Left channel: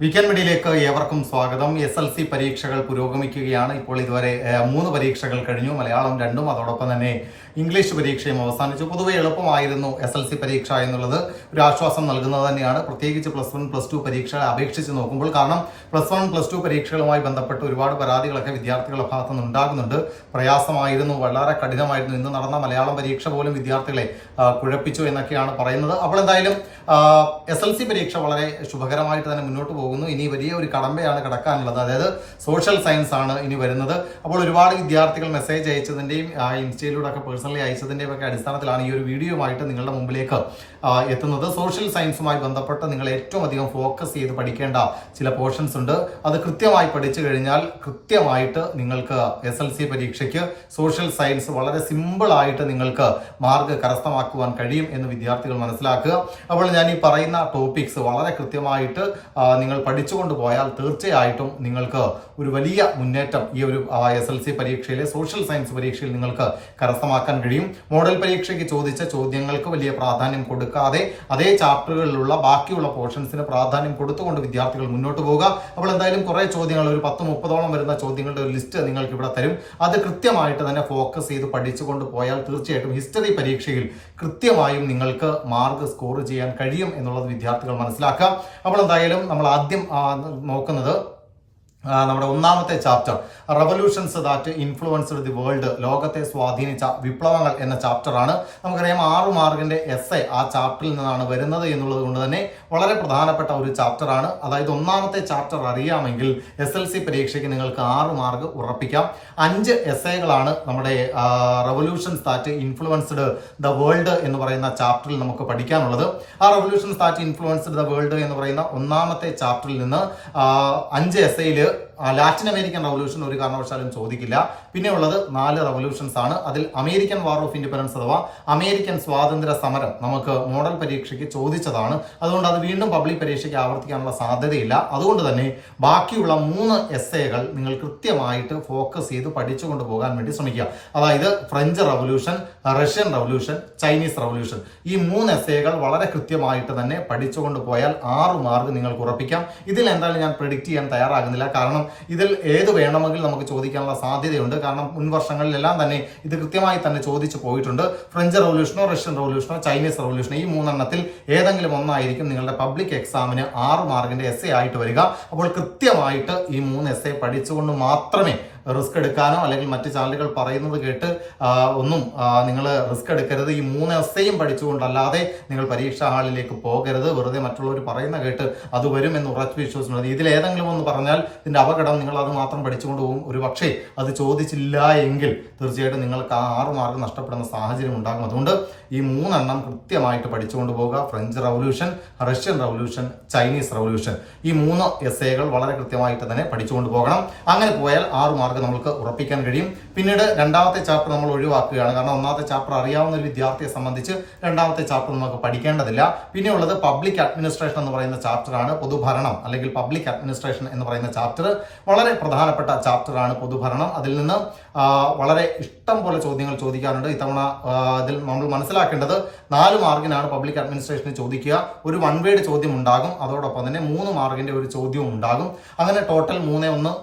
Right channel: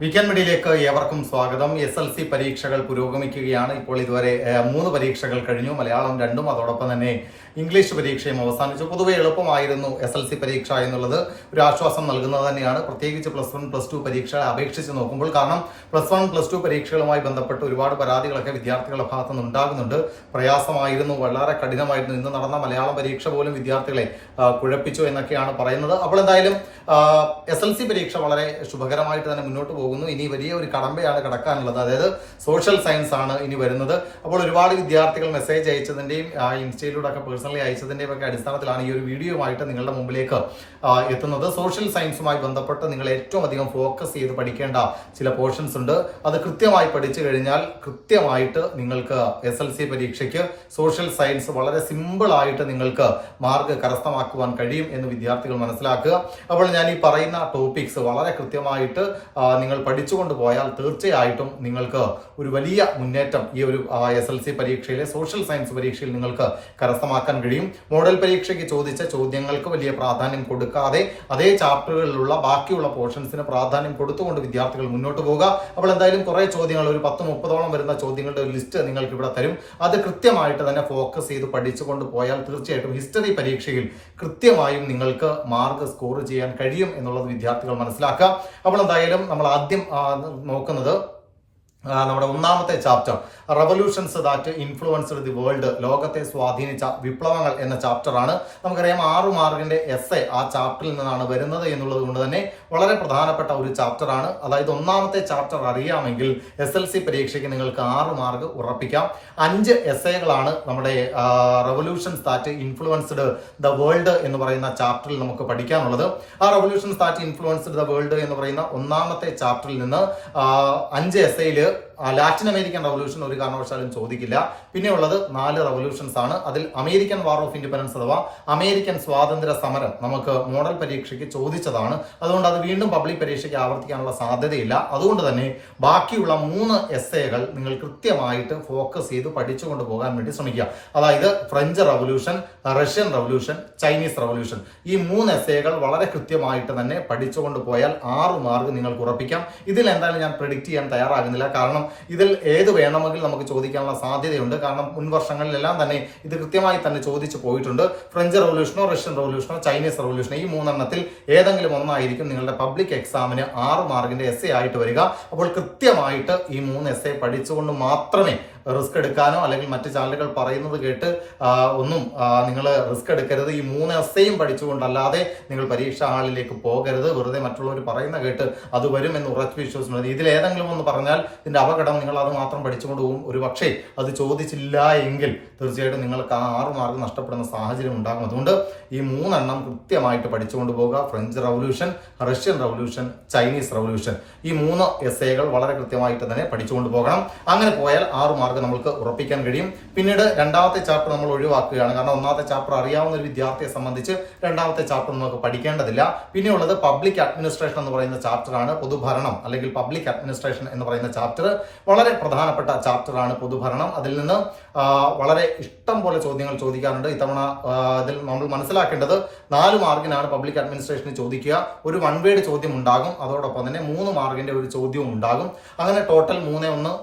Weekend മീഡിയയിലേക്ക് ഏവർക്കും സ്വാഗതം. SLC പരീക്ഷകൾ പുരോഗമിക്കുകയാണ്. ഇപ്പോൾ ഇതുവരെ 3 പരീക്ഷകൾ കഴിഞ്ഞു. മലയാളം 2, അതോടൊപ്പം തന്നെ ഇംഗ്ലീഷ് പരീക്ഷയും അവസാനിച്ചു. പൊതുവെ എളുപ്പമായിരുന്നു SLC പരീക്ഷ എന്നുള്ളത് ഒരു ആശ്വാസം നൽകുന്നത് തന്നെയാണ്. പ്രത്യേകിച്ച് +1, +2 പരീക്ഷകളെ അപേക്ഷിച്ച് നോക്കുമ്പോൾ. കാരണം +1, +2 പരീക്ഷകളുമായി ബന്ധപ്പെട്ട് ഒരുപാട് പരാതികളൊക്കെ വിദ്യാർത്ഥികളുടെ ഭാഗത്തു നിന്ന് ഉണ്ടാകുന്നുണ്ട്. പ്രയാസമായിരുന്നു, വളരെ കഠിനമായിരുന്നു. ഇന്ന് നടന്ന മലയാളം പരീക്ഷ പോലും വിദ്യാർത്ഥികളെ കുഴപ്പിച്ചു എന്നൊക്കെയാണ് പറയുന്നത്. അപ്പോൾ എന്തായാലും SLC പരീക്ഷ വളരെ ശുഭകരമായിട്ട് തന്നെ മുന്നോട്ട് പോകുന്നു. ഇനി വലിയ ഒരു കടമ്പയാണ് കിടക്കാനുള്ളത്. അതായത് സോഷ്യൽ സയൻസ് ആണ് ഇനി വരുന്നത്. അപ്പോൾ ഒരുപാട് വിദ്യാർത്ഥികൾ മെസ്സേജ് അയച്ചതിന്റെയും ഇൻസ്റ്റയിലൂടെ ഒക്കെ പേഴ്സണലി അയച്ചതിന്റെയും ഒക്കെ അടിസ്ഥാനത്തിലാണ് ഈ ഒരു വീഡിയോയുമായിട്ട് നിങ്ങളുടെ മുമ്പിലേക്ക് എത്തുന്നത്. സോഷ്യൽ സയൻസുമായി ബന്ധപ്പെട്ട് നിങ്ങൾ ഏറ്റവും അധികം ഫോക്കസ് ചെയ്ത് പഠിക്കേണ്ട ചില പോർഷൻസ് ഉണ്ട്. അത് കൃത്യമായി പഠിച്ചു കഴിഞ്ഞാൽ കൃത്യമായിട്ട് നിങ്ങൾക്ക് SLC പരീക്ഷയ്ക്ക് സോഷ്യൽ സയൻസ് വളരെ സിമ്പിൾ ആയിട്ട് നിങ്ങൾക്ക് മാർക്ക് കരസ്ഥമാക്കുവാൻ കഴിയും എന്ന് വിദ്യാർത്ഥികൾ മനസ്സിലാക്കുക. അപ്പോൾ ഞാൻ ഈ പറയുന്ന ടോപ്പിക്സ് വളരെ കൃത്യമായിട്ട് നിങ്ങൾ പഠിച്ചുകൊണ്ട് പോയാൽ തീർച്ചയായിട്ടും നിങ്ങൾക്ക് ഒരു വലിയ മുന്നേറ്റം ഈ ഒരു SLC പരീക്ഷയിലെ സോഷ്യൽ സയൻസ് പരീക്ഷയിൽ നിങ്ങൾക്ക് കരസ്ഥമാക്കാൻ കഴിയും. മോഡൽ പരീക്ഷയ്ക്ക് ചോദിച്ച ചോദ്യങ്ങൾക്ക് വലിയ പ്രാധാന്യം കൊടുക്കാതെ അതേ ചാപ്റ്ററുകളിലുള്ള ബാക്കിയുള്ള പോർഷൻസിന് പ്രാധാന്യം കൊടുത്തുകൊണ്ട് വിദ്യാർത്ഥികൾ മുന്നോട്ട് പോവുക. അപ്പോൾ എന്തായാലും കുറെ ചോദ്യങ്ങൾ, ഒരു 10-30ഓളം വരുന്ന ചോദ്യങ്ങളുടെ ഒരു ലിസ്റ്റ് നിങ്ങൾക്ക് ഇവിടെ തരും. അത് കൃത്യമായിട്ട് തന്നെ ഫോക്കസ് ചെയ്ത് പഠിച്ചുകൊണ്ട് പോയാൽ തീർച്ചയായിട്ടും ഹിസ്റ്ററി പരീക്ഷയിൽ കൃത്യമായും നിങ്ങൾക്ക് മാർക്ക് സ്കോർ ചെയ്യാൻ കഴിയും എന്നുള്ളത് വിദ്യാർത്ഥികൾ മനസ്സിലാക്കുക. അപ്പോൾ എന്തായാലും നമ്മൾ ആദ്യം നോക്കുന്നത് നമ്മുടെ ഒന്നാമത്തെ chapter revolutions that influenced the world, ലോകത്തെ സ്വാധീനിച്ച വിപ്ലവങ്ങൾ എന്ന ചാപ്റ്റർ ആണ്. നമുക്കറിയാം 6 മാർക്കിന്റെ എസ്സേ ആ ചാപ്റ്ററിൽ നിന്നാണ് വരുന്നത് എന്നുള്ളത് കൊണ്ട് തന്നെ വളരെ പ്രധാനപ്പെട്ട ഒരു ചാപ്റ്റർ ആണ്. അതായത് ഒന്നാമത്തെ ചാപ്റ്റർ അറിയാമെങ്കിൽ SLC പരീക്ഷയ്ക്ക് നിങ്ങൾക്ക് 6 മാർക്ക് ഉറപ്പിക്കാം. 5 എസ്സേകളാണ് നമ്മുടെ revolutions that influenced the world എന്ന് പറയുന്ന ചാപ്റ്ററിൽ നമുക്ക് പഠിക്കാനുള്ളത്. ആ revolutions that influenced the world എന്ന് പറയുന്ന ഒന്നാമത്തെ ചാപ്റ്ററിൽ നിന്ന് 5 എസ്സേയില് ലാറ്റിൻ അമേരിക്കൻ റവല്യൂഷൻ ഒരു കാരണവശാലും ചോദിക്കില്ല. പിന്നെ ഉള്ളത് 4 റവല്യൂഷൻസ് ആണ്. അതിൽ അമേരിക്കൻ വാർ ഓഫ് ഇൻഡിപെൻഡൻസ് അഥവാ അമേരിക്കൻ സ്വാതന്ത്ര്യ സമരം നമുക്ക് മോഡൽ പരീക്ഷയ്ക്ക് ചോദിച്ചതാണ്. അതുകൊണ്ട് അത് വീണ്ടും പബ്ലിക് പരീക്ഷയ്ക്ക് ആവർത്തിക്കാനുള്ള സാധ്യതയില്ല. അതുകൊണ്ട് തന്നെ ബാക്കിയുള്ള 3 എസ്സേകൾ നിങ്ങൾ കൃത്യമായിട്ട് ഫോക്കസ് ചെയ്ത് പഠിച്ചുകൊണ്ട് പോകാൻ വേണ്ടി ശ്രമിക്കുക. അതായത് French revolution, Russian revolution, Chinese revolution, ഈ 3 എസ്സേകൾ വളരെ കൃത്യമായിട്ട് തന്നെ പഠിച്ചുകൊണ്ട് പോയാൽ 6 മാർക്ക് നിങ്ങൾക്ക് ഉറപ്പിക്കാം. ഇതിൽ എന്തായാലും ഞാൻ പ്രെഡിക്റ്റ് ചെയ്യാൻ തയ്യാറാകുന്നില്ല. കാരണം ഇതിൽ ഏത് വേണമെങ്കിൽ നമുക്ക് ചോദിക്കാനുള്ള സാധ്യതയുണ്ട്. കാരണം മുൻ വർഷങ്ങളിലെല്ലാം തന്നെ ഇത് കൃത്യമായി തന്നെ ചോദിച്ചു പോയിട്ടുണ്ട്. ഫ്രഞ്ച് റവല്യൂഷനോ, റഷ്യൻ റവല്യൂഷനോ, ചൈനീസ് റവല്യൂഷനോ, ഈ 3 എണ്ണത്തിൽ ഏതെങ്കിലും ഒന്നായിരിക്കും നിങ്ങളുടെ പബ്ലിക് എക്സാമിന് 6 മാർക്കിന്റെ എസ്സേ ആയിട്ട് വരിക. അപ്പോൾ കൃത്യമായിട്ട് ഈ 3 എസ്സേ പഠിച്ചുകൊണ്ട് മാത്രമേ റിസ്ക് എടുക്കാനോ അല്ലെങ്കിൽ മറ്റ് ചാനലുകൾ പറയുന്നത് കേട്ട് ഒന്നും നിങ്ങൾ റിസ്ക് എടുക്കരുത്. ഈ 3 എസ്സേയും പഠിച്ചുകൊണ്ടല്ലാതെ നിങ്ങൾ പരീക്ഷാ ഹാളിലേക്ക് പോകരുത്. വെറുതെ മറ്റുള്ളവർ പറയുന്ന കേട്ട് അത് വരും എന്ന് ഉറച്ചു വിശ്വസിക്കുന്നത്. ഇതിൽ ഏതെങ്കിലും ഒന്ന് പറഞ്ഞാൽ ഇതിന്റെ അപകടം നിങ്ങൾ അത് മാത്രം പഠിച്ചുകൊണ്ട് പോകും. ഒരു പക്ഷേ അത് ചോദിച്ചില്ല എങ്കിൽ തീർച്ചയായിട്ടും നിങ്ങൾക്ക് 6 മാർക്ക് നഷ്ടപ്പെടുന്ന സാഹചര്യം ഉണ്ടാകും. അതുകൊണ്ട് ഈ 3 എണ്ണം കൃത്യമായിട്ട് പഠിച്ചുകൊണ്ട് പോകുക. French revolution, Russian revolution, Chinese revolution, ഈ 3 എസ്സേകൾ വളരെ കൃത്യമായിട്ട് തന്നെ പഠിച്ചുകൊണ്ട് പോകണം. അങ്ങനെ പോയാൽ 6 മാർക്ക് നമുക്ക് ഉറപ്പിക്കാൻ കഴിയും. പിന്നീട് രണ്ടാമത്തെ ചാപ്റ്റർ നമ്മൾ ഒഴിവാക്കുകയാണ്. കാരണം ഒന്നാമത്തെ ചാപ്റ്റർ അറിയാവുന്ന ഒരു വിദ്യാർത്ഥിയെ സംബന്ധിച്ച് രണ്ടാമത്തെ ചാപ്റ്റർ നമുക്ക് പഠിക്കേണ്ടതില്ല. പിന്നെ ഉള്ളത് പബ്ലിക് അഡ്മിനിസ്ട്രേഷൻ എന്ന് പറയുന്ന ചാപ്റ്റർ ആണ്. പൊതുഭരണം അല്ലെങ്കിൽ പബ്ലിക് അഡ്മിനിസ്ട്രേഷൻ എന്ന് പറയുന്ന ചാപ്റ്റർ വളരെ പ്രധാനപ്പെട്ട ചാപ്റ്റർ ആണ്. പൊതുഭരണം, അതിൽ നിന്ന് വളരെ ഇഷ്ടം പോലെ ചോദ്യങ്ങൾ ചോദിക്കാറുണ്ട്. ഇത്തവണ അതിൽ നമ്മൾ മനസ്സിലാക്കേണ്ടത് 4 മാർക്കിനാണ് പബ്ലിക് അഡ്മിനിസ്ട്രേഷന് ചോദിക്കുക. ഒരു 1 വേർഡ് ചോദ്യം ഉണ്ടാകും. അതോടൊപ്പം തന്നെ 3 മാർക്കിന്റെ ഒരു ചോദ്യവും ഉണ്ടാകും. അങ്ങനെ ടോട്ടൽ 3-1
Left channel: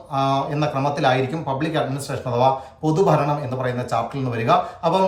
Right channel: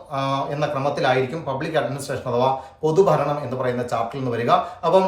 എന്ന ക്രമത്തിലായിരിക്കും പബ്ലിക് അഡ്മിനിസ്ട്രേഷൻ അഥവാ പൊതുഭരണം എന്ന് പറയുന്ന ചാപ്റ്ററിൽ നിന്ന് വരിക. അപ്പം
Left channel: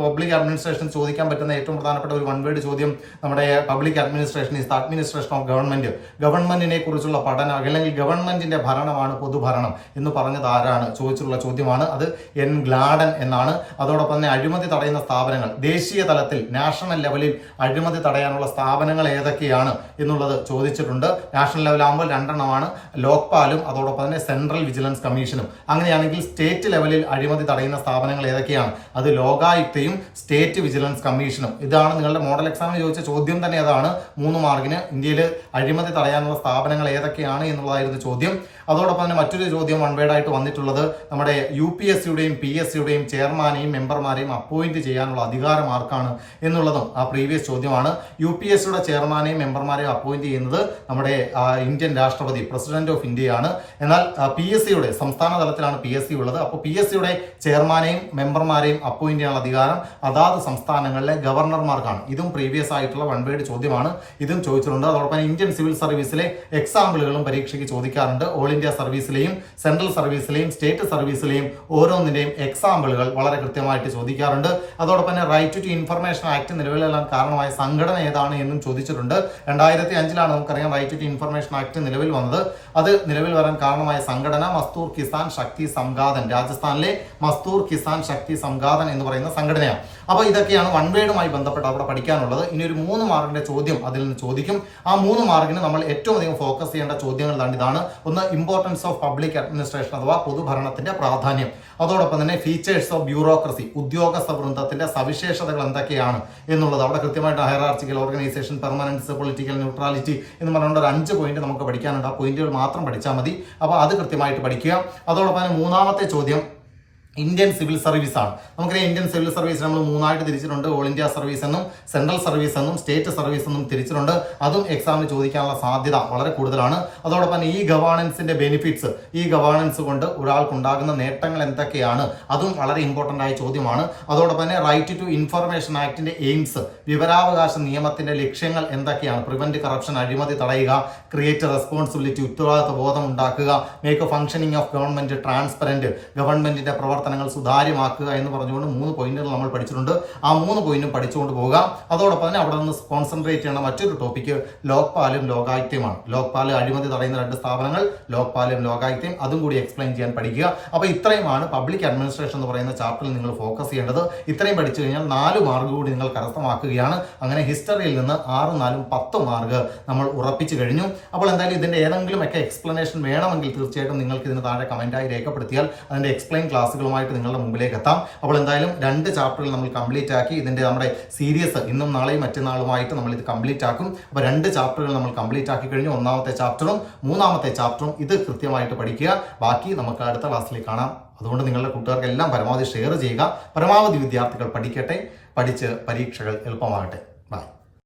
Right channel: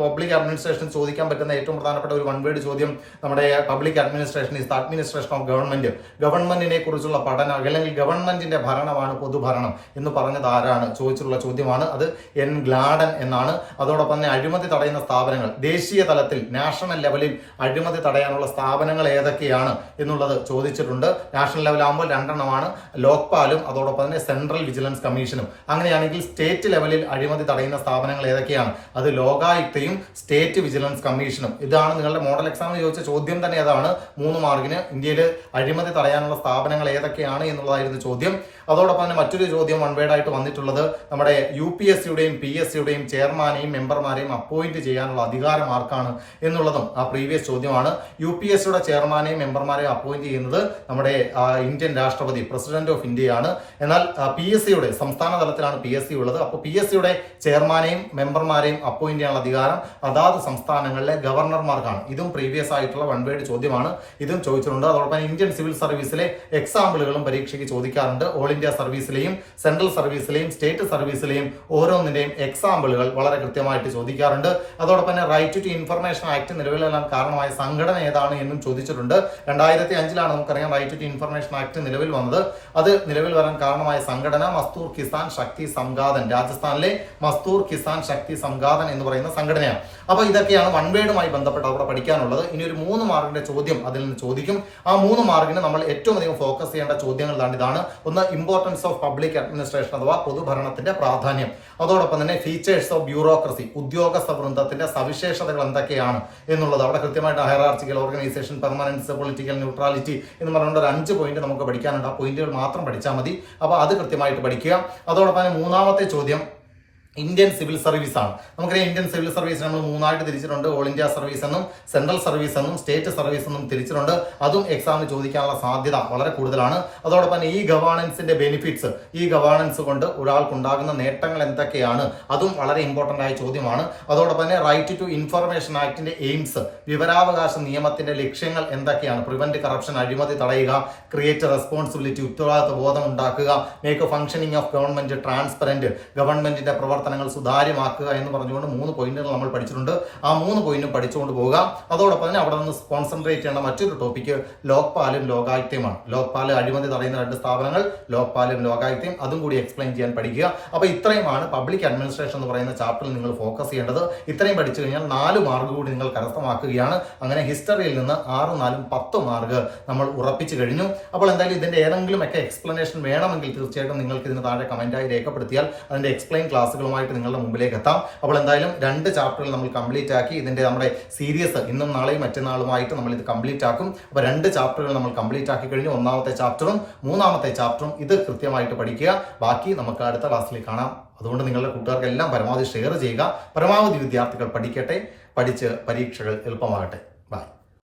പബ്ലിക് അഡ്മിനിസ്ട്രേഷൻ ചോദിക്കാൻ പറ്റുന്ന ഏറ്റവും പ്രധാനപ്പെട്ട ഒരു 1 വേർഡ് ചോദ്യം നമ്മുടെ public administration is the administration of government, ഗവൺമെന്റിനെ കുറിച്ചുള്ള പഠനം അല്ലെങ്കിൽ ഗവൺമെന്റിന്റെ ഭരണമാണ് പൊതുഭരണം എന്ന് പറഞ്ഞത് ആരാണ് ചോദിച്ചിട്ടുള്ള ചോദ്യമാണ്. അത് N. ഗ്ലാഡൻ എന്നാണ്. അതോടൊപ്പം തന്നെ അഴിമതി തടയുന്ന സ്ഥാപനങ്ങൾ, ദേശീയ തലത്തിൽ നാഷണൽ ലെവലിൽ അഴിമതി തടയാനുള്ള സ്ഥാപനങ്ങൾ ഏതൊക്കെയാണ് എന്നുള്ളത് ചോദിച്ചിട്ടുണ്ട്. നാഷണൽ ലെവൽ ആകുമ്പോൾ 2 എണ്ണമാണ്, ലോക്പാലും അതോടൊപ്പം തന്നെ സെൻട്രൽ വിജിലൻസ് കമ്മീഷനും. അങ്ങനെയാണെങ്കിൽ സ്റ്റേറ്റ് ലെവലിൽ അഴിമതി തടയുന്ന സ്ഥാപനങ്ങൾ ഏതൊക്കെയാണ്? അത് ലോകായുക്തയും സ്റ്റേറ്റ് വിജിലൻസ് കമ്മീഷനും. ഇതാണ് നിങ്ങളുടെ മോഡൽ എക്സാമിന് ചോദിച്ച ചോദ്യം തന്നെ. അതാണ് 3 മാർക്കിന് ഇന്ത്യയിൽ അഴിമതി തടയാനുള്ള സ്ഥാപനങ്ങൾ ഏതൊക്കെയാണ് എന്നുള്ളതായിരുന്നു ചോദ്യം. അതോടൊപ്പം തന്നെ മറ്റൊരു ചോദ്യം 1 വേർഡ് ആയിട്ട് വന്നിട്ടുള്ളത് നമ്മുടെ UPSCയുടെയും PSCയുടെയും ചെയർമാനെയും മെമ്പർമാരെയും അപ്പോയിന്റ് ചെയ്യാനുള്ള അധികാരം ആർക്കാണ് എന്നുള്ളത് എന്നുള്ളതും ആ പ്രീവിയസ് ചോദ്യമാണ്. UPSCയുടെ ചെയർമാനെയും മെമ്പർമാരെയും അപ്പോയിന്റ് ചെയ്യുന്നത് നമ്മുടെ ഇന്ത്യൻ രാഷ്ട്രപതി പ്രസിഡന്റ് ഓഫ് ഇന്ത്യയാണ്. എന്നാൽ PSCയുടെ സംസ്ഥാന തലത്തിലാണ് PSC ഉള്ളത്. അപ്പോൾ PSCയുടെ ചെയർമാനെയും മെമ്പർമാരെയും അപ്പോയിന്റ് ചെയ്യാനുള്ള അധികാരം അതാത് സംസ്ഥാനങ്ങളിലെ ഗവർണർമാർക്കാണ്. ഇതും പ്രീവിയസ് ആയിട്ടുള്ള വൺ വേർഡ് ചോദ്യമാണ്. ഇതും ചോദിച്ചിട്ടുണ്ട്. അതോടൊപ്പം ഇന്ത്യൻ സിവിൽ സർവീസിലെ എക്സാമ്പിളുകളും പരീക്ഷയ്ക്ക് ചോദിക്കാറുണ്ട്. ഓൾ ഇന്ത്യ സർവീസിലെയും സെൻട്രൽ സർവീസിലെയും സ്റ്റേറ്റ് സർവീസിലെയും ഓരോന്നിന്റെയും എക്സാമ്പിളുകൾ വളരെ കൃത്യമായിട്ട് ചോദിക്കാറുണ്ട്. അതോടൊപ്പം തന്നെ റൈറ്റ് ടു ഇൻഫർമേഷൻ ആക്ട് നിലവിൽ വരാൻ കാരണമായ സംഘടന ഏതാണ് എന്നും ചോദിച്ചിട്ടുണ്ട്. 2005 നമുക്കറിയാം റൈറ്റ് ടു ഇൻഫർമേഷൻ ആക്ട് നിലവിൽ വന്നത്. അത് നിലവിൽ വരാൻ കാരണമായ സംഘടന മസ്തൂർ കിസാൻ ശക്തി സംഘാതൻ, രാജസ്ഥാനിലെ മസ്തൂർ കിസാൻ ശക്തി സംഘാതൻ എന്ന് പറയുന്ന സംഘടനയാണ്. അപ്പോൾ ഇതൊക്കെയാണ് വൺ വേർഡുമായി ബന്ധപ്പെട്ട് അവിടെ പഠിക്കാനുള്ളത്. ഇനി ഒരു 3 മാർക്കിന്റെ ചോദ്യം അതിൽ നിന്ന് ചോദിക്കും. ആ 3 മാർക്കിന് നമ്മൾ ഏറ്റവും അധികം ഫോക്കസ് ചെയ്യേണ്ട ചോദ്യങ്ങൾ ഇതാണ്. ഒന്ന്, ഇമ്പോർട്ടൻസ് ഓഫ് പബ്ലിക് അഡ്മിനിസ്ട്രേഷൻ അഥവാ പൊതുഭരണത്തിന്റെ പ്രാധാന്യം. അതോടൊപ്പം തന്നെ ഫീച്ചേഴ്സ് ഓഫ് ബ്യൂറോക്രസി, ഉദ്യോഗസ്ഥ വൃന്ദത്തിന്റെ സവിശേഷതകൾ എന്തൊക്കെയാണ് എന്നുള്ളത്. അവിടെ കൃത്യമായിട്ട് ഹയറാർച്ചിക്കൽ ഓർഗനൈസേഷൻ, പെർമനൻസ്, പൊളിറ്റിക്കൽ ന്യൂട്രാലിറ്റി എന്ന് പറഞ്ഞുകൊണ്ട് ഒരു 5 പോയിന്റ് നമുക്ക് പഠിക്കാനുണ്ട്. ആ പോയിന്റുകൾ മാത്രം പഠിച്ചാൽ മതി. അപ്പോൾ അത് കൃത്യമായിട്ട് പഠിക്കുക. അതോടൊപ്പം തന്നെ 3ാമത്തെ ചോദ്യം ഇന്ത്യൻ സിവിൽ സർവീസ് ആണ്. നമുക്കറിയാം ഇന്ത്യൻ സിവിൽ സർവീസ് നമ്മൾ 3ആയിട്ട് തിരിച്ചിട്ടുണ്ട്. ഓൾ ഇന്ത്യ സർവീസ് എന്നും സെൻട്രൽ സർവീസ് എന്നും സ്റ്റേറ്റ് സർവീസ് എന്നും തിരിച്ചിട്ടുണ്ട്. അതും എക്സാമിന് ചോദിക്കാനുള്ള സാധ്യത വളരെ കൂടുതലാണ്. അതോടൊപ്പം തന്നെ ഈ ഗവേണൻസിന്റെ ബെനിഫിറ്റ്സ്, ഈ ഗവേണൻസ് കൊണ്ട് ഒരാൾക്കുണ്ടാകുന്ന നേട്ടങ്ങൾ എന്തൊക്കെയാണ്, അതും വളരെ ഇമ്പോർട്ടന്റ് ആയ ചോദ്യമാണ്. അതോടൊപ്പം തന്നെ റൈറ്റ് ടു ഇൻഫർമേഷൻ ആക്ടിന്റെ എയിംസ്, വിവരാവകാശ നിയമത്തിന്റെ ലക്ഷ്യങ്ങൾ എന്തൊക്കെയാണ്, പ്രിവെന്റ് കറപ്ഷൻ, അഴിമതി തടയുക, ക്രിയേറ്റ് റെസ്പോൺസിബിലിറ്റി, ഉത്തരവാദിത്വ ബോധം ഉണ്ടാക്കുക, make A functioning of government transparent, ഗവൺമെന്റിന്റെ പ്രവർത്തനങ്ങൾ സുതാര്യമാക്കുക എന്ന് പറഞ്ഞുകൊണ്ട് 3 പോയിന്റുകൾ നമ്മൾ പഠിച്ചിട്ടുണ്ട്. ആ 3 പോയിന്റും പഠിച്ചുകൊണ്ട് പോവുക. അതോടൊപ്പം തന്നെ അവിടെ നിന്ന് കോൺസെൻട്രേറ്റ് ചെയ്യേണ്ട മറ്റൊരു ടോപ്പിക്ക് ലോക്പാലും ലോകായുക്തയുമാണ്. ലോക്പാല് അഴിമതി തടയുന്ന 2 സ്ഥാപനങ്ങൾ, ലോക്പാലും ലോകായുക്തയും, അതും കൂടി എക്സ്പ്ലെയിൻ ചെയ്യാൻ പഠിക്കുക. അപ്പോൾ ഇത്രയുമാണ് പബ്ലിക് അഡ്മിനിസ്ട്രേഷൻ എന്ന് പറയുന്ന ചാപ്റ്ററിൽ നിങ്ങൾ ഫോക്കസ് ചെയ്യേണ്ടത്. ഇത്രയും പഠിച്ചു കഴിഞ്ഞാൽ 4 മാർക്ക് കൂടി നിങ്ങൾ കരസ്ഥമാക്കുകയാണ്. അങ്ങനെ ഹിസ്റ്ററിയിൽ നിന്ന് 6, 4, 10 മാർക്ക് നമ്മൾ ഉറപ്പിച്ചു കഴിഞ്ഞു. അപ്പോൾ എന്തായാലും ഇതിന്റെ ഏതെങ്കിലും ഒക്കെ എക്സ്പ്ലനേഷൻ വേണമെങ്കിൽ തീർച്ചയായിട്ടും നിങ്ങൾക്ക് ഇതിന് താഴെ കമന്റായി രേഖപ്പെടുത്തിയാൽ അതിന്റെ എക്സ്പ്ലെയിൻ ക്ലാസ്സുകളുമായിട്ട് നിങ്ങളുടെ മുമ്പിലേക്ക് എത്താം. അപ്പോൾ എന്തായാലും 2 ചാപ്റ്ററുകൾ നമ്മൾ കംപ്ലീറ്റ് ആക്കി. ഇതിന്റെ നമ്മുടെ സീരീസ് ഇന്നും നാളെയും മറ്റന്നാളുമായിട്ട് നമ്മൾ ഇത് കംപ്ലീറ്റ് ആക്കും. അപ്പോൾ 2 ചാപ്റ്ററുകൾ നമ്മൾ കംപ്ലീറ്റ് ആക്കി കഴിഞ്ഞു. 1ാമത്തെ ചാപ്റ്ററും 3ാമത്തെ ചാപ്റ്ററും ഇത് കൃത്യമായിട്ട് പഠിക്കുക. ബാക്കി നമുക്ക് അടുത്ത ക്ലാസ്സിൽ കാണാം. അതുകൊണ്ട് നിങ്ങളുടെ കൂട്ടുകാർക്കെല്ലാം പരമാവധി ഷെയർ ചെയ്യുക. പരമാവധി വിദ്യാർത്ഥികൾ പഠിക്കട്ടെ, പഠിച്ച് പരീക്ഷകൾ എളുപ്പമാകട്ടെ. ബൈ.